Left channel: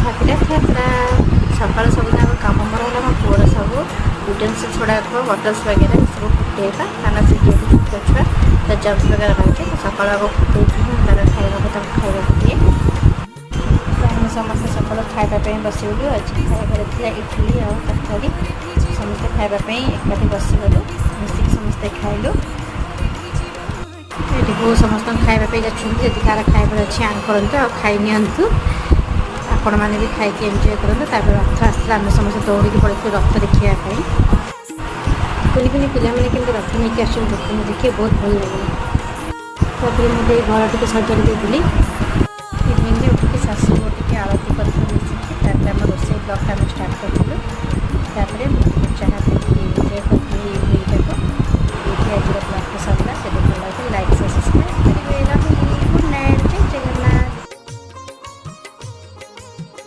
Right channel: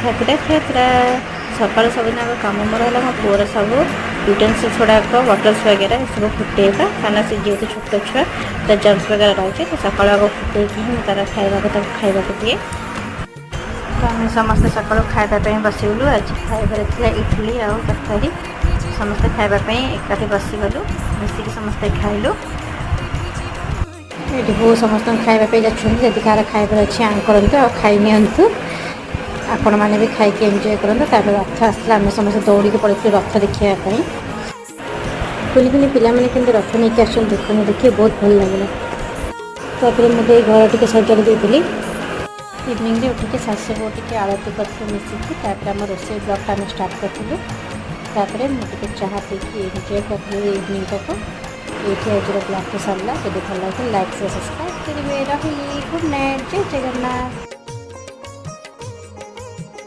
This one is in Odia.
ଠାକୁରା ଠାକୁରା ସକାଳୁ ସବୁଦିନ ଆଗ କାମ ମୋର ହେଲା ମୋ ପୁଅର ସବୁ ୟୁଟେନ୍ସିଲ୍ସ ଗୁଡ଼ାକ ବଟଲ୍ସ ବଗେରା ସବୁ ଫୁଟେଇବା, କାରଣ ସେ ଯେହେତୁ ଛୋଟ ଛୁଆ ତା ଜର୍ମ୍ସ ବଗେରା ରହିଛି, ତ ସକାଳୁ ଆଗ ଫୁଟେଇକି ମୁଁ ତାର ତାକୁ ଖାଇବାକୁ ଦିଏ। ତ ଆମେ ସମସ୍ତେ ସକାଳୁ ଖାଇବା ପାଇଁ ବସିଗଲୁ। ଆଜି ଖାଇବାରେ ଥିଲା ଇଡ଼ଲି ଆଉ ତରକାରୀ। ସମସ୍ତେ ଖାଇବା ପାଇଁ ଏକାଠି ବସିଗଲୁ, ମିଶିକି ସମସ୍ତେ ଖାଇଲୁ। ଏଠି ବୋଉ ସମସ୍ତଙ୍କୁ ଖାଇବା ପାଇଁ ଯାଉଛନ୍ତି, ଯଦି କାହାର ଖାଇବାର ଅଛି ଆଙ୍କ କରନ୍ତୁ ଆଉ ଖାଇ ନିଅନ୍ତୁ। ଆପଣମାନେ ବି ଖାଇକି ଏନ୍ଜୟ କରନ୍ତୁ। ତାପରେ ରଥ ଆସିଲା, ଆମେ ସମସ୍ତେ ଦୌଡ଼ିକି ପଳେଇଥିଲୁ ରଥ ଦେଖିବା ପାଇଁ। କୁନି କୁନି ପିଲାମାନେ କିନ୍ତୁ ରଥ ନେଇକି ଆସୁଛନ୍ତି, ଦେଖନ୍ତୁ ଦେଖିକି ବହୁତ ଭଲ ଲାଗିଲା। ତାପରେ ମୁଁ ଟିକେ ଘର ଟିକେ ସଜାଡ଼ି ଦେଇଥିଲି। ଇଭିନିଂରେ ଉଠିକି ଶାଶୁ ବୋଉ ଟିକେ ଆଳତି କରିଥିଲୁ ମିଶିକି। ତାପରେ ଆମ ରୋଷେଇ ବ୍ଲଗ୍ଟା ଆମେ ଷ୍ଟାର୍ଟ କରିଥିଲୁ। ତାପରେ ମୁଁ ଟିକେ ଚାହା ପିଇକି ଏନ୍ଜୟ କରିଥିଲି ଇଭିନିଂଟାକୁ। ଏଇଠି ଆଜିର ବ୍ଲଗ୍ଟା ସରିଲା। ଯଦି ଭଲ ଲାଗିଲା ଲାଇକ୍ ସବସ୍କ୍ରାଇବ୍ କରିବେ। ରହିଲି, ଗୁଡ଼୍ ନାଇଟ୍, ଜୟ ଜଗନ୍ନାଥ।